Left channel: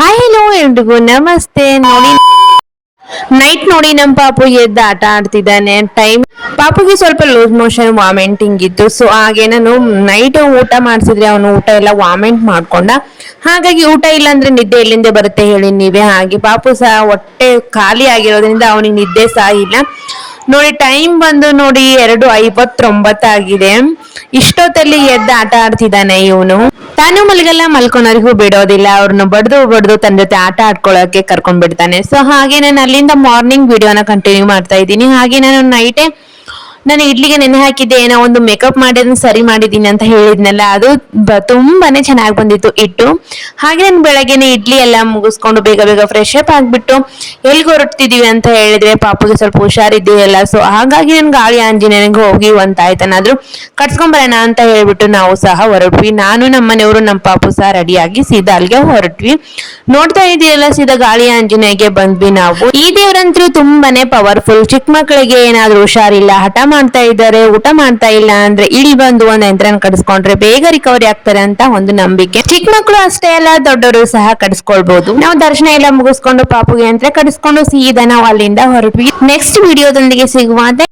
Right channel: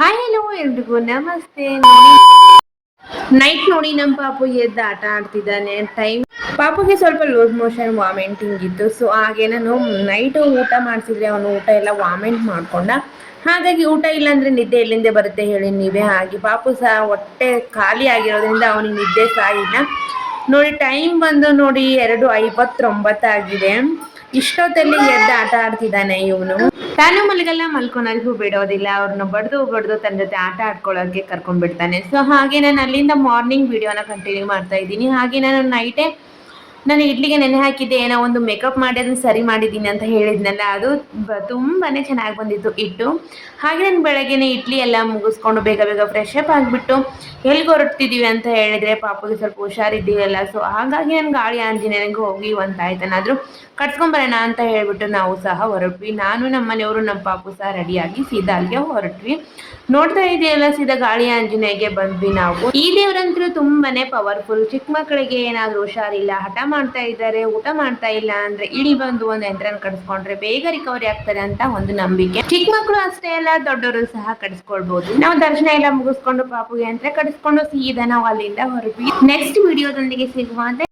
Hi hello ಎಲ್ರಿಗೂ ನಮಸ್ತೆ. ನೋಡಿ ನೈಟ್ ನೋಡಿ ನಮ್ಮ ಪಾಪು ಎದ್ದು ಆಟ ಆಡ್ತಿದ್ದಾನೆ. ಪಾಪುಗೆ ಸ್ವಲ್ಪ ಲೂಸ್ ಮೋಷನ್ ವಾಮಿಟಿಂಗ್ ಇತ್ತು. ಸೊ ಹಾಗೆ ನಾನು ನೈಟ್ ಊಟ ಮಾಡಿಸಿದ್ರೆ ಅವನು ಊಟ ಎಲ್ಲ ವಾಮಿಂಟ್ ಮಾಡ್ಕೊಂಡ. ಹಾಗಾಗಿ ಊಟ ಇಲ್ಲ ಅಂದ್ರೆ ನಿದ್ದೆ ಎಲ್ಲಿಂದ ಬರುತ್ತೆ ಹೇಳಿ ನೀವೇ. ಹಾಗೆ ಪಾಪು ಸಹ ಹೊಟ್ಟೆ ಖಾಲಿ ಆಗಿರೋದ್ರಿಂದ ಅವನಿಗೆ ನಿದ್ದೆ ಸಹ ಇಲ್ಲ. ನೋಡಿ ಟೈಮ್ ಬಂದು ನೋಡಿ 2:59 ಆಗಿದೆ. ಇಷ್ಟೊತ್ತಲ್ಲಿ ಎದ್ದು ಆಟ ಆಡ್ತಿದ್ದಾನೆ ಇವನು. ತಾನು ಮಲಗಲ್ಲ, ಮಲ್ಕೊಳೋರಿಗೂ ಬಿಡೋದಿಲ್ಲ. ಅವ್ರನ್ನ ಬಡ್ದು ಬಡ್ದು ತನ್ನ ಜೊತೆ ಆಟ ಆಡ್ಕೊಳ್ಳೋಕೆ ಕರ್ಕೊಂಡ್ ಬಿಡ್ತಾನೆ. ಸೊ ಹಾಗೆ ನಾನು ಅಲ್ಲಿಂದ ಮಾರ್ನಿಂಗ್ ವಿಡಿಯೋನ ಕಂಟಿನ್ಯೂ ಮಾಡ್ತಾ ಇದ್ದೀನಿ. ಹಾಗೆ ನಾನು ಇಡ್ಲಿಗೆ ನೆನೆ ಹಾಕಿದ್ದೆ, ಏನೋ ಒಂದು ಮೇಕಪ್ ಮಾಡಿ ಅದನ್ನ ಸರಿ ಮಾಡಿದ್ದೀನಿ ಅಂತ ಹೇಳಿದ್ನಲ್ಲ, ಅದು ತುಂಬಾನೇ ಚೆನ್ನಾಗಿ ಬಂದಿತ್ತು ಇಟ್ಟು. ಹಾಗೆ ನಾನು ಬೆಳಗ್ಗೆನೆ ಇಡ್ಲಿ ಎಲ್ಲ ಮುಗಿಸ್ಕೊಂಡು ಬೇಗ ಬೇಗ ಫ್ರೆಶ್ ಅಪ್ ಆಗ್ಬಿಟ್ಟು ಎಲ್ಲಿಗೆ ಹೊರಡ್ತಿದೀವಿ ಅಂತ ಹೇಳಿದ್ರೆ ಪಾಪುಗೆ ಸ್ವಲ್ಪ ಹುಷಾರಿದ್ದೀವಲ್ಲ. ಸೊ ಹಾಗಾಗಿ ನನ್ ಗಾಳಿ ಆಂಜನೇಯನಿಗೆ ಹೋಗಿ ಒಂದ್ ಆಯ್ತನಾದ್ರೂ ಕಟ್ಸ್ಕೊಂಡ್ ಬರೋಣ ಅಂತ ಹೇಳ್ಬಿಟ್ಟು ನಾವು ಸಹ ಹೊರಟ್ವಿ. ನಾನು ನಮ್ಮ ಮನೆಯವರು ನಮ್ಮ ಪಾಪು ಸಹ ರೆಡಿಯಾಗಿ ಸೀದಾ ಅಲ್ಲಿಗೆ ಹೊರಟ್ವಿ. ನೋಡ್ತಾ ಇದೆಯಲ್ಲ, ಸೀದಾ ಗಾಳಿ ಆಂಜನೇಯಗೆ ಬಂದ್ವಿ ನಾವು. ಈ ದೇವ್ರಂತೂ ತುಂಬಾನೇ ಪವರ್ಫುಲ್. ಚಿಕ್ಕ ಮಕ್ಕಳಿಗೆ ಏನಾದ್ರೂ ಹುಷಾರಿಲ್ಲ, ಹಠ ಮಾಡ್ತಾ ಇದ್ದಾರೆ, ಊಟ ಮಾಡ್ತಾ ಇಲ್ಲ ಅಂದ್ರೆ ಇಲ್ಲಿ ಬಂದು ಒಂದ್ ಯಂತ್ರನ ಕಡಿಸ್ಕೊಂಡ್ರೆ ಬೇಗ ರಿಕವರಿ ಆಗ್ತಾರೆ ಅಂತ ಒಂದು ನಂಬಿಕೆ. ಚಿಕ್ಕ ಮಕ್ಕಳು ಅಷ್ಟೇ ಅಲ್ಲ, ದೊಡ್ಡವರು ಸಹ ಕಡಿಸ್ಕೊಳ್ಬಹುದು. ನಾವು ದರ್ಶನ ಎಲ್ಲ ಮುಗಿಸ್ಕೊಂಡು ಪಾಪುಗೆ ಯಂತ್ರ ಕಡಿಸ್ಕೊಂಡು ಸೀದಾ ನಾವು ಅಲ್ಲಿಂದ ಹೊರಟ್ವಿ. ನೆಕ್ಸ್ಟ್ ವಿಡಿಯೋದೊಂದಿಗೆ ಸಿಗುವ.